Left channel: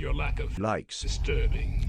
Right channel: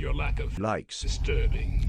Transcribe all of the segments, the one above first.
your lack of likes disturbing.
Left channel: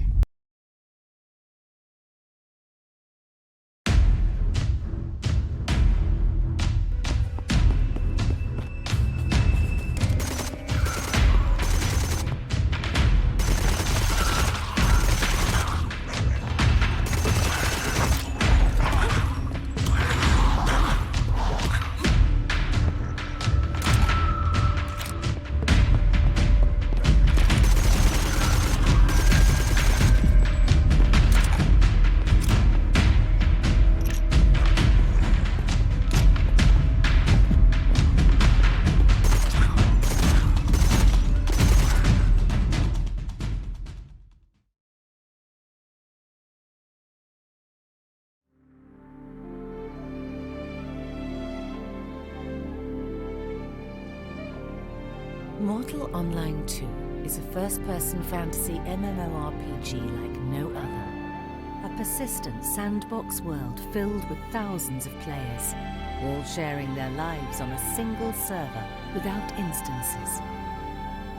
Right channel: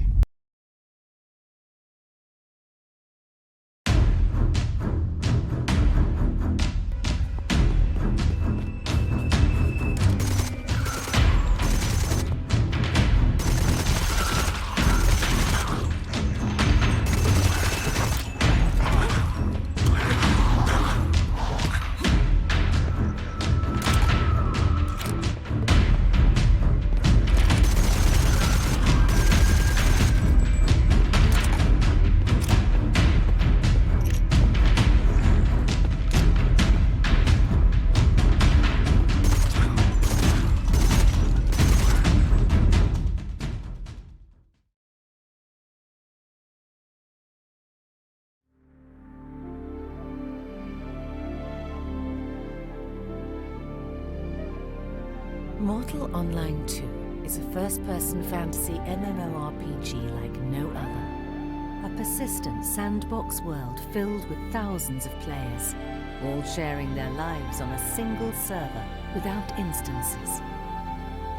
Mortal Online 2 is a first-person fantasy MMORPG like no other. A persistent sandbox world filled with thousands of players, all sharing their lives on a single server without instances.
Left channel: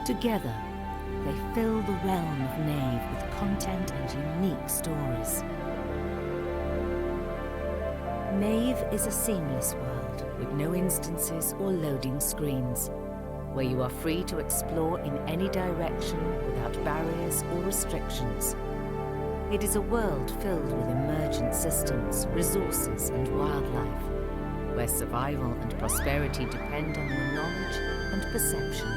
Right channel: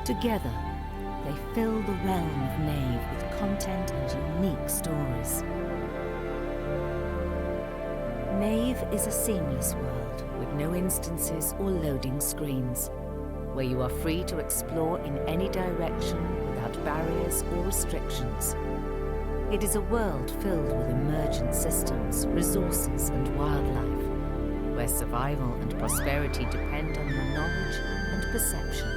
Together, they fill the realm of Nave with content and unique stories. Nave is a seamless world with no instances or loading screens, where you are free to explore in any direction without barriers or restrictions. It is a world filled with emergent systems, resources, and wildlife, where survival and prosperity depend on your knowledge and perception.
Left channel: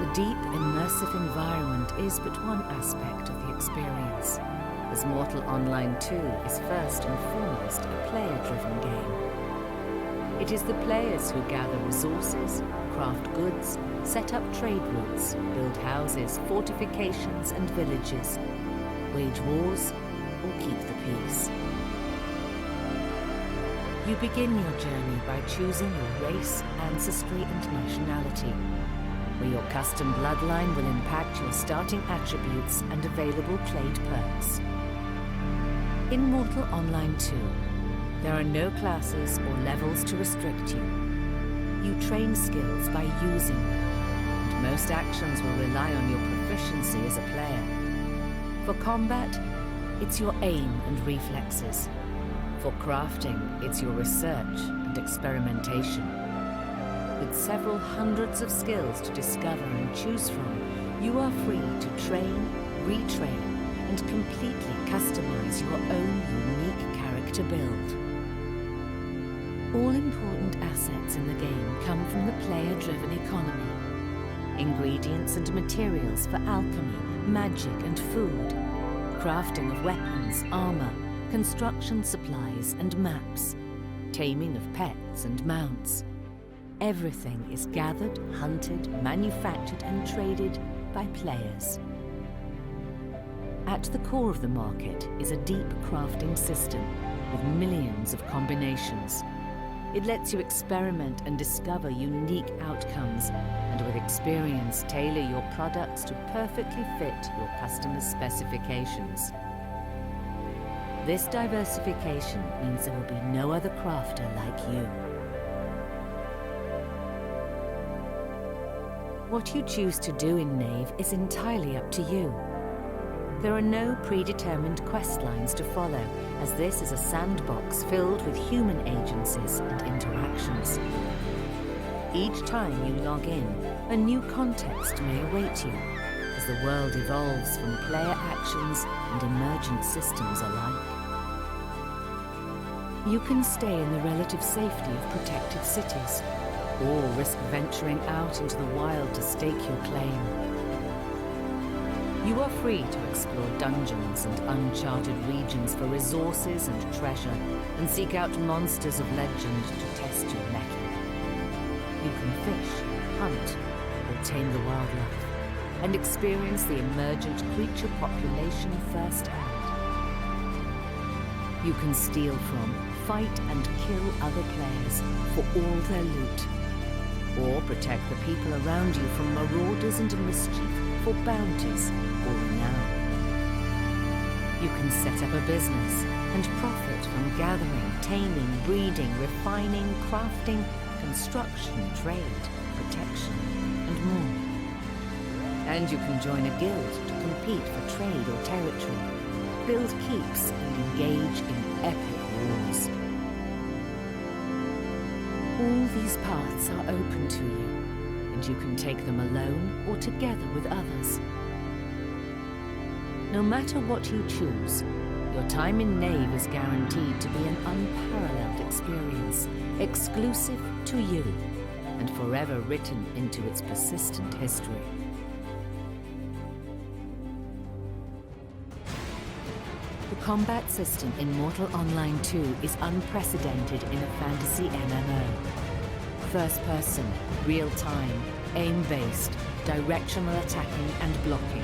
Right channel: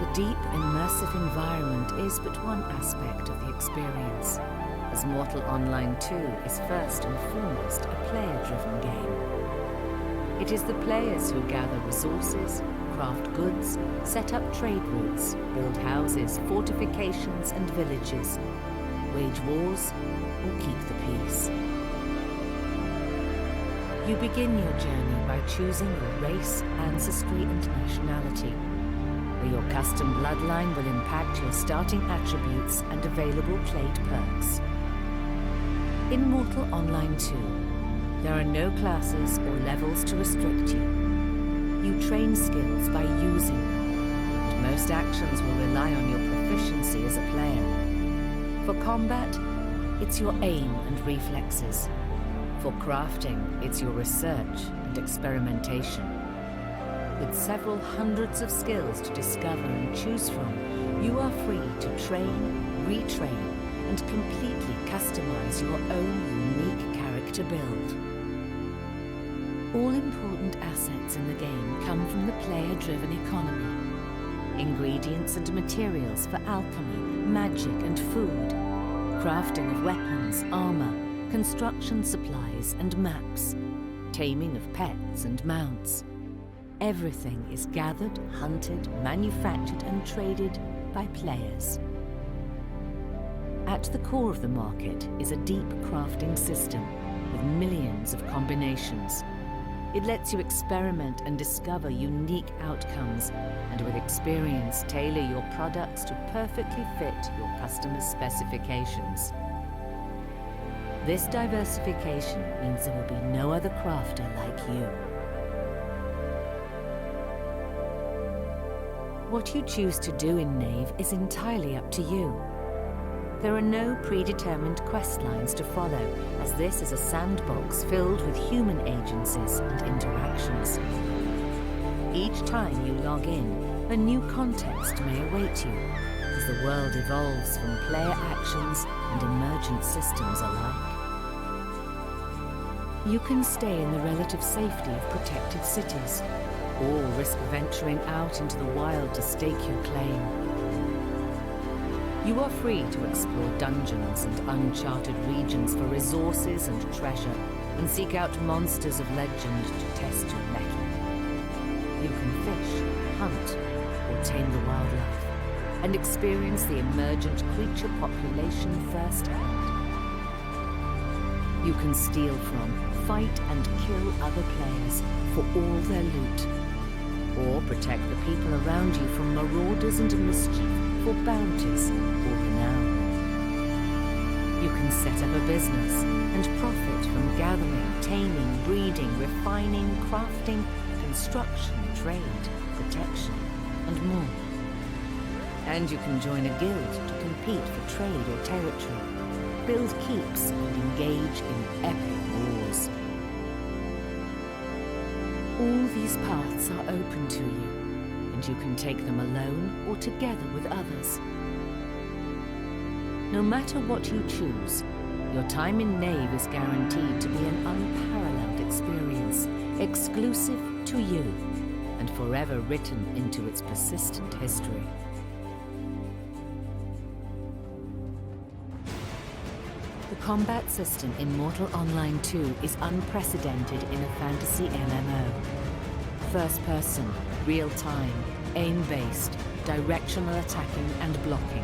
The deep, immersive environment is but one aspect of the experience, as Mortal Online 2 is first and foremost a player-driven game. It is the players who gather resources, craft goods, set up trade routes, build houses, fortifications and villages, wage wars, or keep the peace. You begin your journey by choosing your race, ancestry and nationality, where your custom bloodline will impact your starting attributes and available played perks. In Mortal Online 2, there are no classes or levels to restrict you. You train skills by using them, and most actions will rely on your proficiency as a player. For combat, it's your aim and reflexes. For crafting, it's your research and experimentation. With several hundreds of skills to discover and choose from, you are free to train, retrain, and completely customize your own unique character build. All important assets in the game come from the player-driven economy. Ingredients and materials for alchemy, magic and food, crafting of weapons, armor, construction supplies and maps, taming of pets and mounts. Everything is gathered, hunted, manufactured and traded by players. At the core of the market is a deep crafting system with millions of combinations. It lets you experiment and discover unique outcomes, and with experience tailor your products to perfectly fit your customers' specifications. This diversification means there will be no other crafter like you. What you choose to do in Nave is entirely up to you. There are no predetermined quest lines to follow, as this is a sandbox filled with human agencies and interactions. Each time you log in, a new context may await you, as the world evolves from player actions and emergent systems alike. You can stay in the relative safety of protected cities, or risk venturing out into the wild to stake your claim. You are free to explore dungeons and uncharted regions for resources and treasure, and seek out monsters of legend to test your mettle. You can fish, hunt, or tame the wildlife, and experience the emergent creature population firsthand. You can steal from, fight and kill other players for all their loot, or protect the people around you from marauders and mischief for bounties or renown. You can set up a business and profit from gathering, taming, breeding, refining, crafting, construction, trade, protection, and more. And you can join a guild to compete for trade or territory, build keeps, and engage in epic wars. All these paths are open to you, and you can take them alone or together with others. No matter what you choose, your time in Nave is guaranteed to be an unparalleled experience, exclusive to you, and forever written into its persistent history. The combat system in Mortal Online 2 is unprecedented in a fantasy MMO. First person, real-time, aim-based, directional attacking and blocking.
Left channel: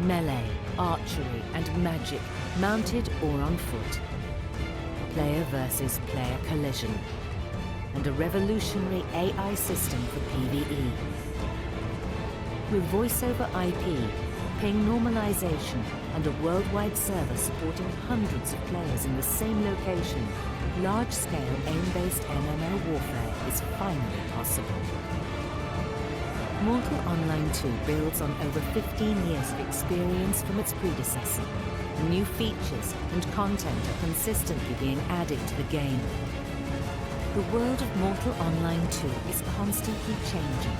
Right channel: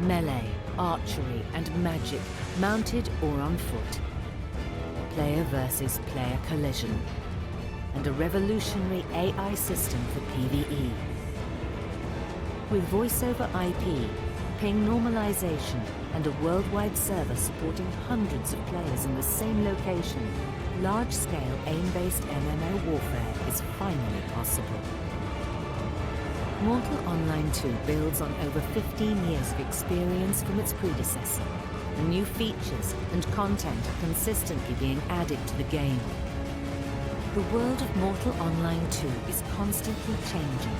Melee, archery and magic, mounted or on foot. Player versus player collision. And a revolutionary AI system for PvE. With voice-over IP, ping normalization, and a worldwide server supporting hundreds of players in the same location, large-scale aim-based MMO warfare is finally possible. Mortal Online 2 builds on over 15 years of experience from its predecessor. New features and content are consistently being added to the game. The world of Mortal Online 2 is constantly changing,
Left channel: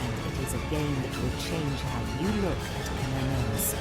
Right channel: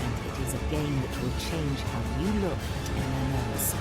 and it is a game that will change how you look at MMOs.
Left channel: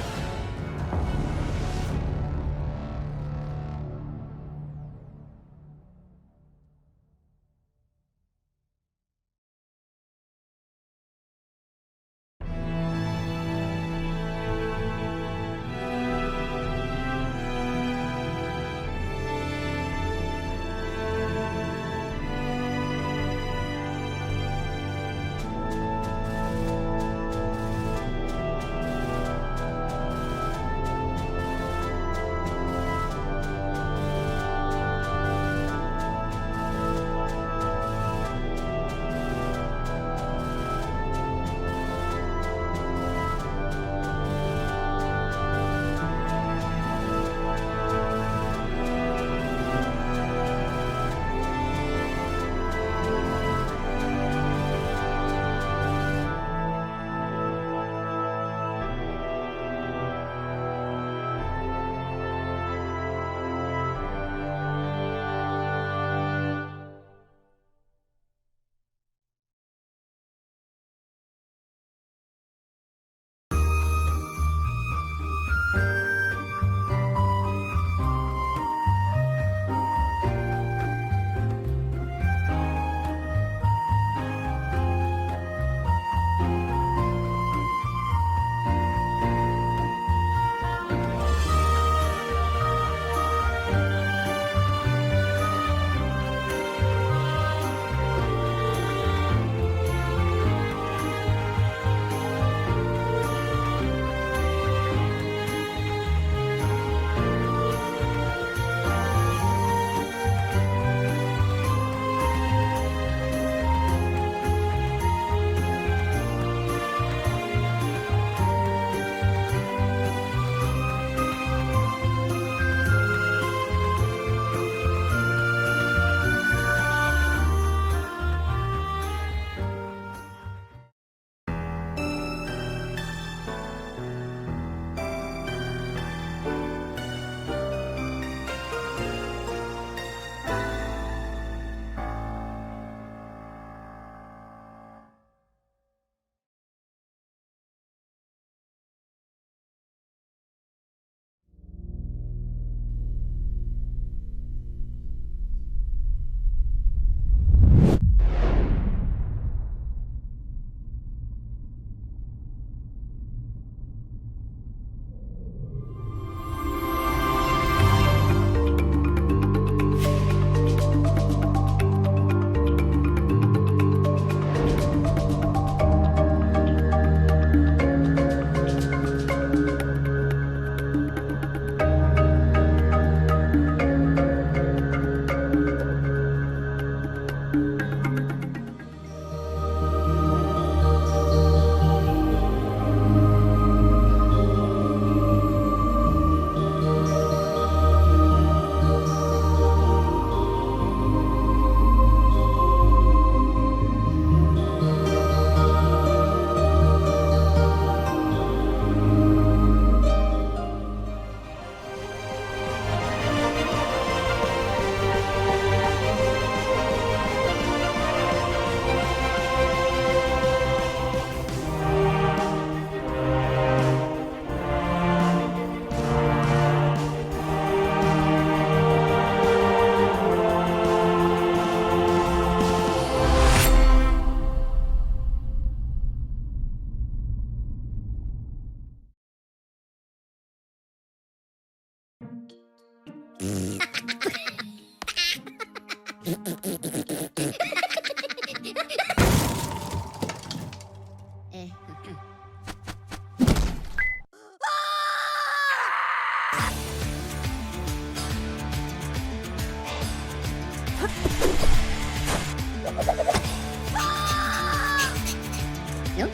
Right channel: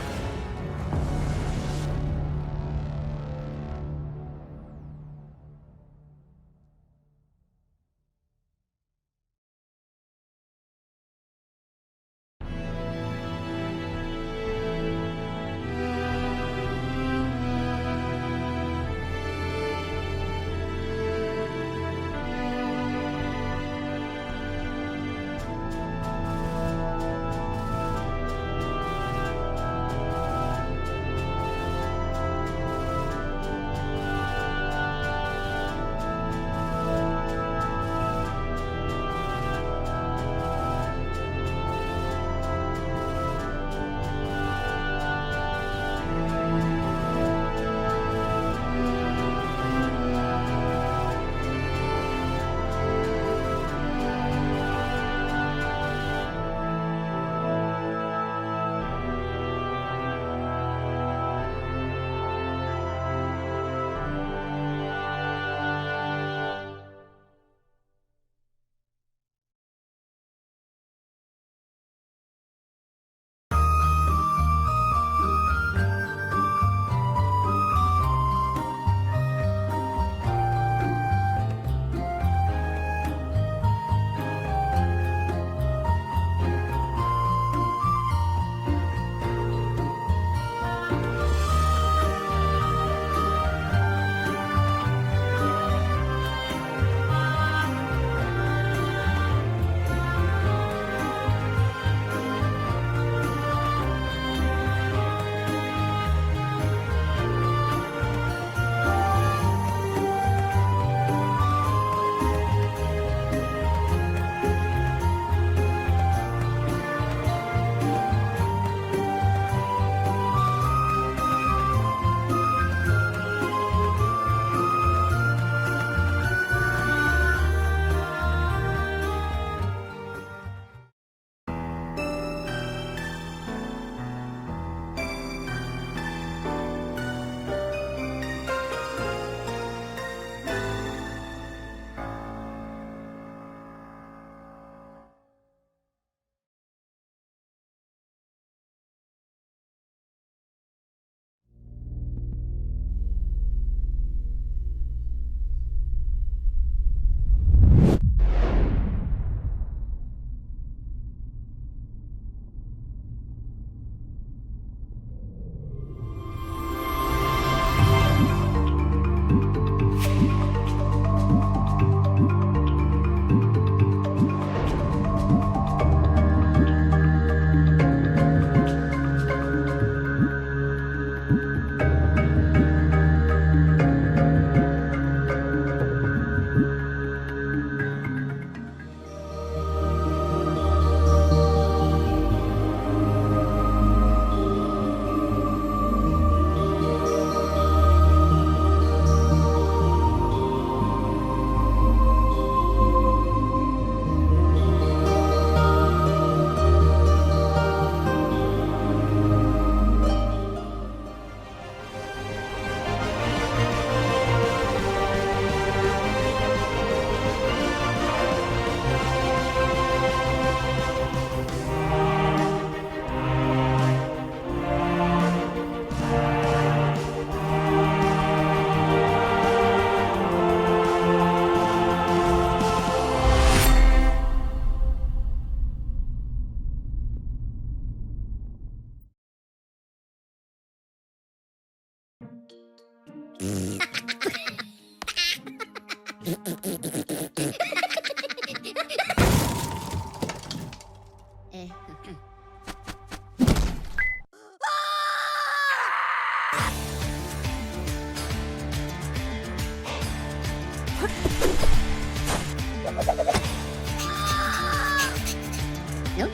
Nope.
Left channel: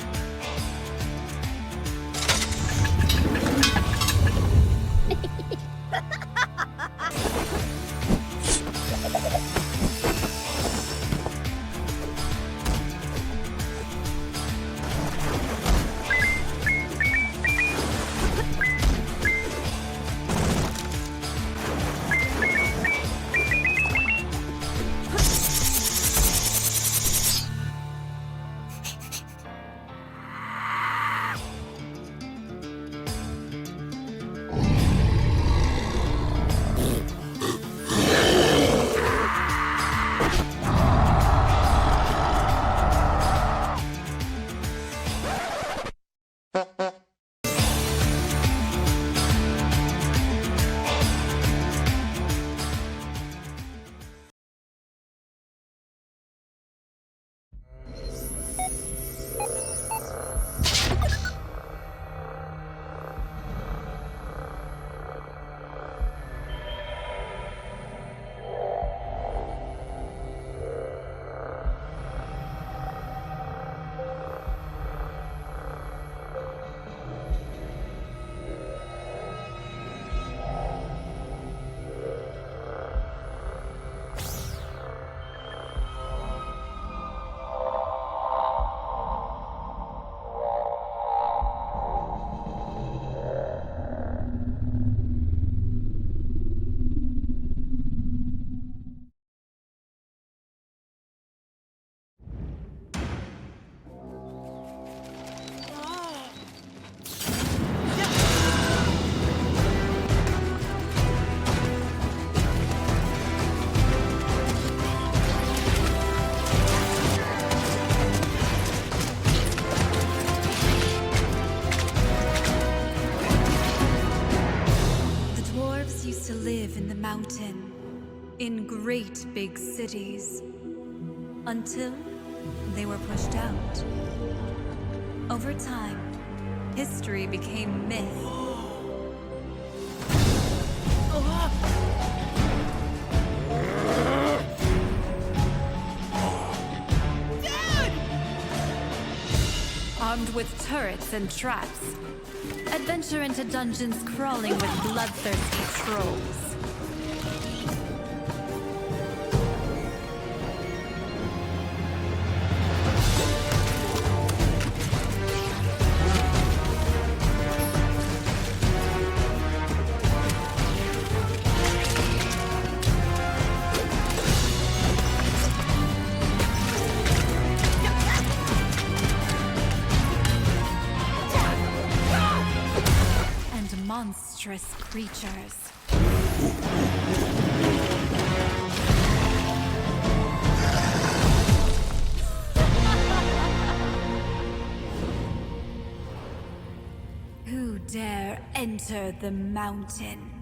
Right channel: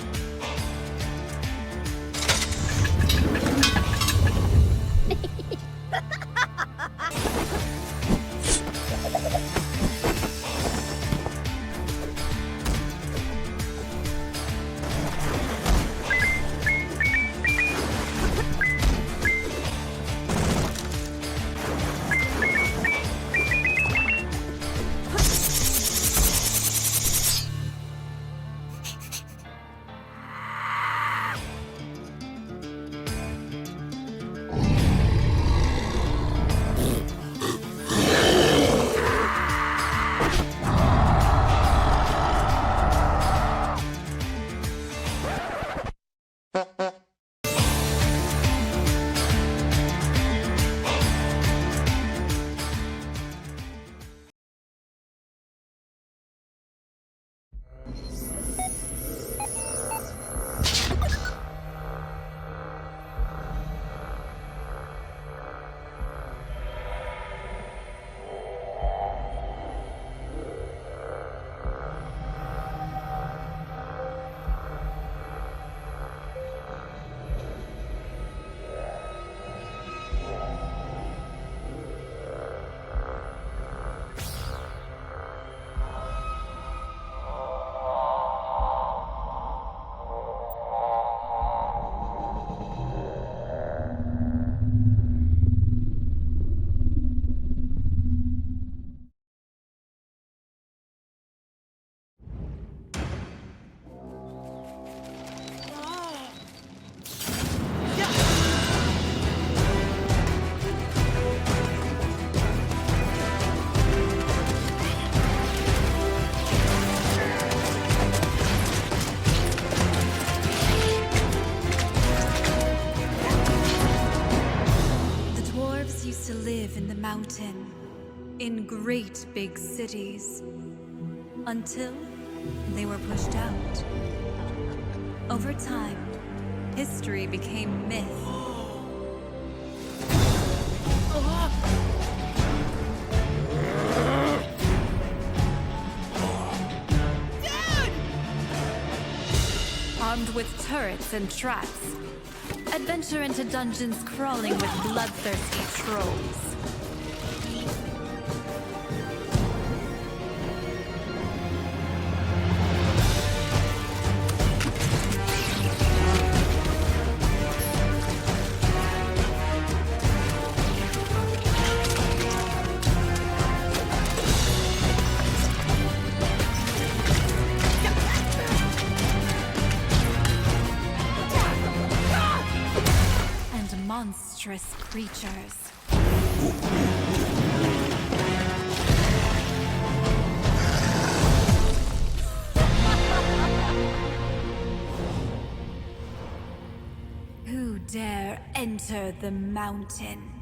To live in the mountain, in great big cities, until they were pushed out. Over time, history became myth. Dude! Armed with turrets and traps, adventure into dungeons crawling with bloodthirsty trolls. Monstrous creatures. Who dare enter the mountain?